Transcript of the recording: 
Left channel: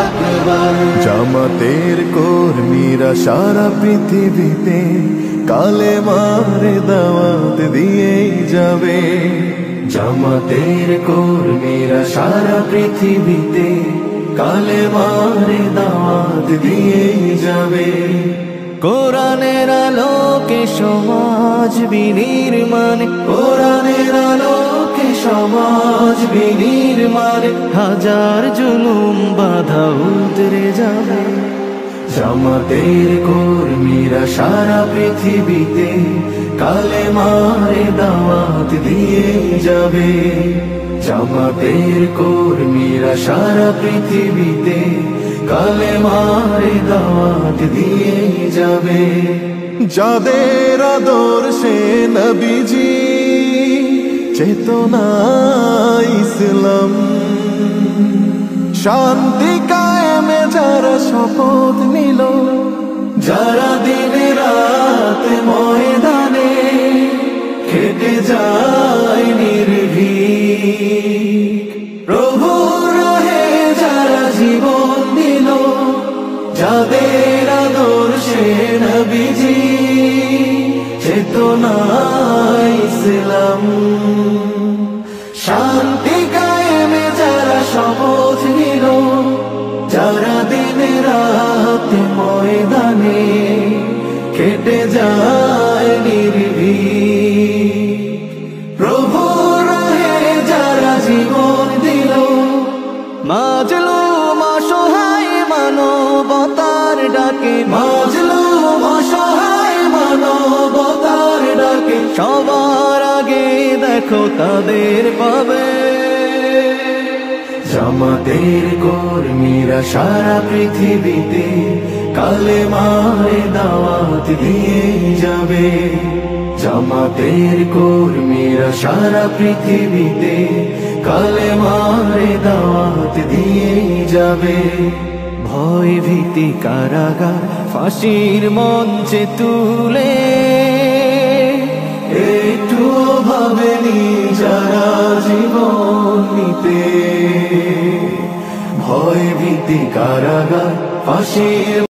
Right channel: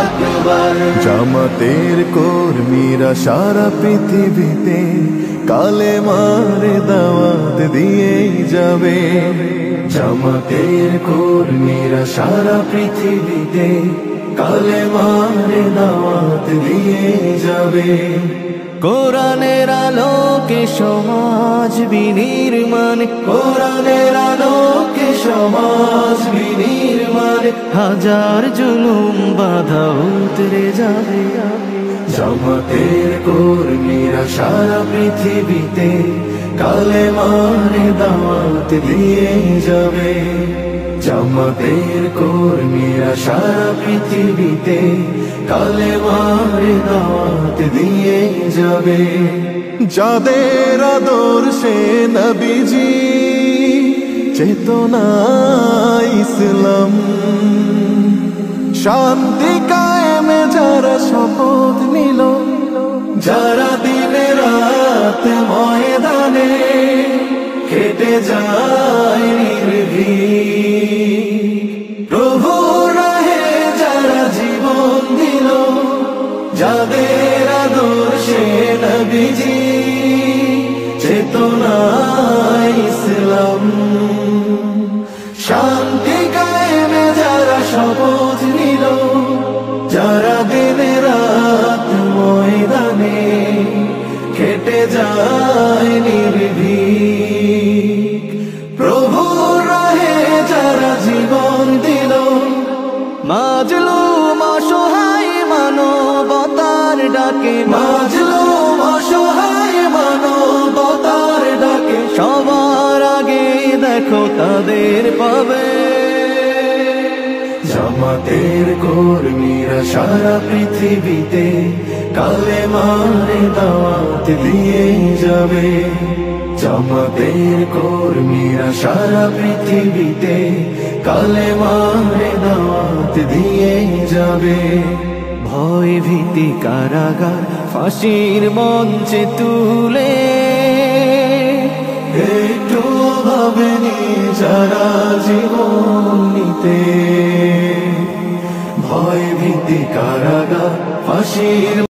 আকবার। জামাতের কর্মীরা সারা পৃথিবীতে কালেমার দাওয়াত দিয়েই যাবে। জামাতের কর্মীরা সারা পৃথিবীতে কালেমার দাওয়াত দিয়ে যাবে। কোরআনের আলোকে সমাজ বিনির্মাণ, কোরআনের আলোকে সমাজ বিনির্মাণ, হাজার জুলুম বাধা উতরে যাবে। জামাতের কর্মীরা সারা পৃথিবীতে কালেমার দাওয়াত দিয়ে যাবে। জামাতের কর্মীরা সারা পৃথিবীতে কালেমার দাওয়াত দিয়ে যাবে। যাদের আদর্শে নবীজি চেতনা ইসলাম, শান্তি কায়েমে যারা শপথ নিল, যারা দিনে রাত ময়দানে খেটে যায় নির্ভীক, প্রভু রাহে যারা জীবন দিল, যাদের আদর্শে নবীজি চেতনা ইসলাম, শান্তি কায়েমে যারা শপথ নিল, যারা দিনে রাত ময়দানে খেটে যায় নির্ভীক, প্রভু রাহে যারা জীবন দিল, মাজলুম অসহায় মানবতার ডাকে, মাজলুম অসহায় মানবতার ডাকে, সবার আগে দেখো তাদের পাবে। জামাতের কর্মীরা সারা পৃথিবীতে কালেমার দাওয়াত দিয়ে যাবে। জামাতের কর্মীরা সারা পৃথিবীতে কালেমার দাওয়াত দিয়ে যাবে। ভয় ভীতি কারাগার ফাঁসির মঞ্চে তুলে, একটু ভাবেনি যারা জীবন নিতে, ভয় ভীতি কারাগার ফাঁসির